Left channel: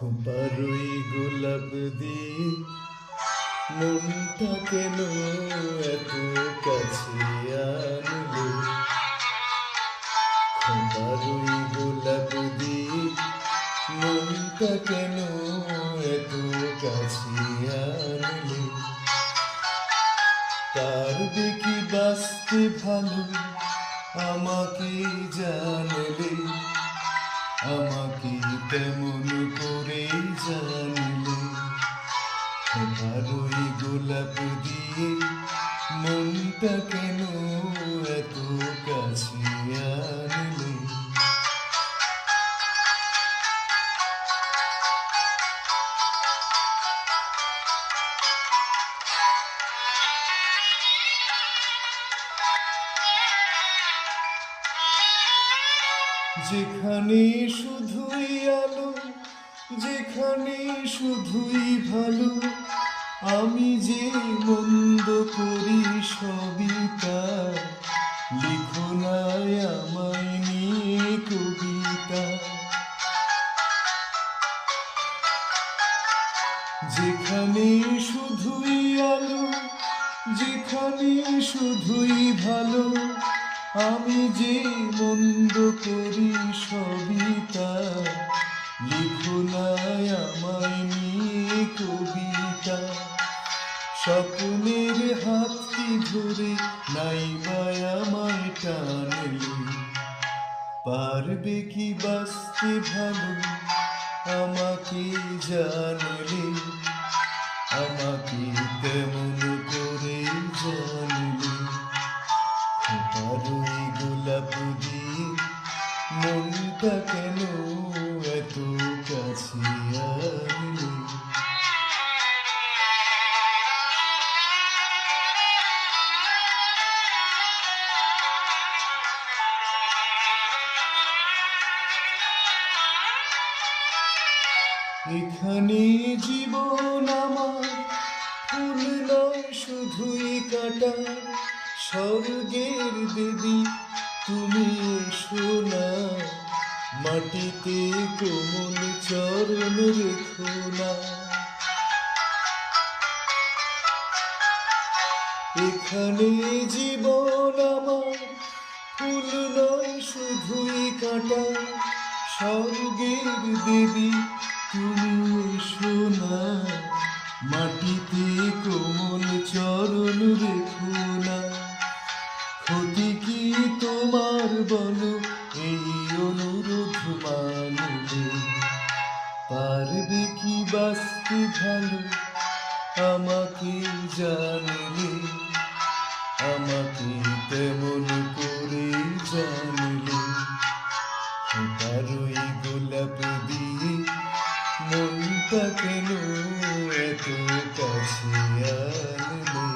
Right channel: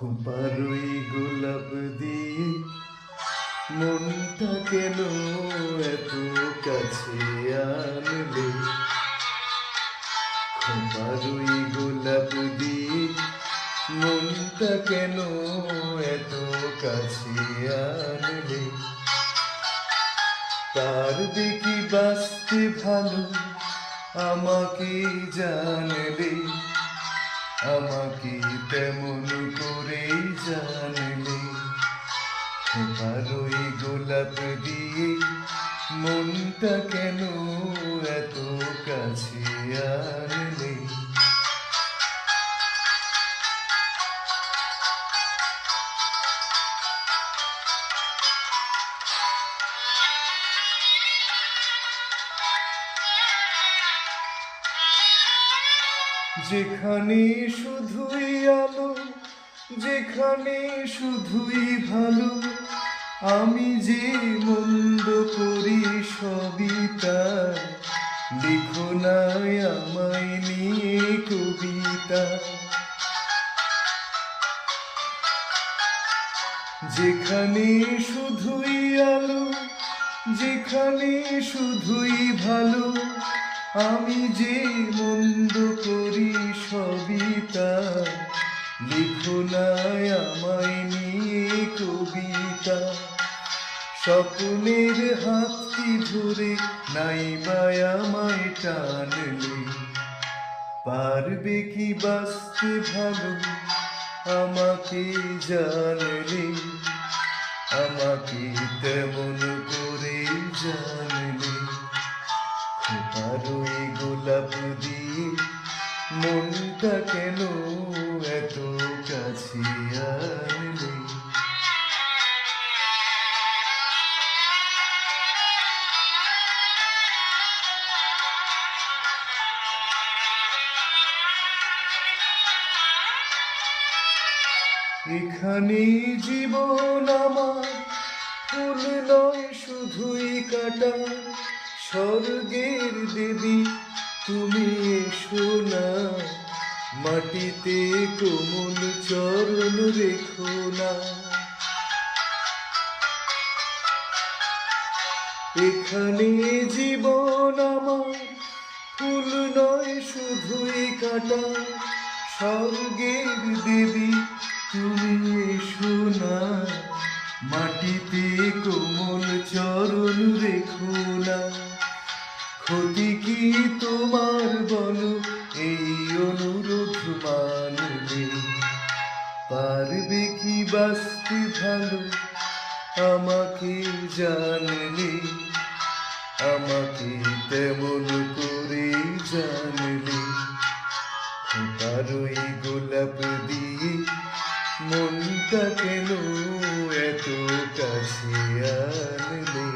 খোপারই গোলাপ দিয়ে মনটা কেন এত কাছে আনলে? খোপারই গোলাপ দিয়ে মনটা কেন এত কাছে আনলে? পারবে কি বাঁচতে ভালো আমাকে জানলে? আমাকে তেমন করে জানলে? খোপারই গোলাপ দিয়ে মনটা কেন এত কাছে আনলে? যেখানে শুধুই আলো, যেখানে শুধুই ভালো, আমি যে মন্দ করি সবই তার। লিখো নাই আমায় নিয়ে কবিতা। যেখানে শুধুই আলো, যেখানে শুধুই ভালো, আমি যে মন্দ করি সবই তার। লিখো নাই আমায় নিয়ে কবিতা। স্বপ্নের হাতটি ধরে নাইবা আমায় টানলে? পারবে কি বাঁচতে ভালো আমাকে জানলে? আমাকে তেমন করে জানলে? খোপারই গোলাপ দিয়ে মনটা কেন এত কাছে আনলে? এখানে জীবন আমার ফুল নয় শুধুই কাটা। স্বর্গের দেবী তুমি এসো না, মাটিতে কোমল চরণ রেখো না। এখানে জীবন আমার ফুল নয় শুধুই কাটা। স্বর্গের দেবী তুমি এসো না, মাটিতে কোমল চরণ রেখো না। ক্ষতি কি তোমার বলো এই অনুরোধ মানলে? পারবে কি বাঁচতে ভালো আমাকে জানলে? আমাকে তেমন করে জানলে? খোপারই গোলাপ দিয়ে মনটা কেন এত কাছে আনলে?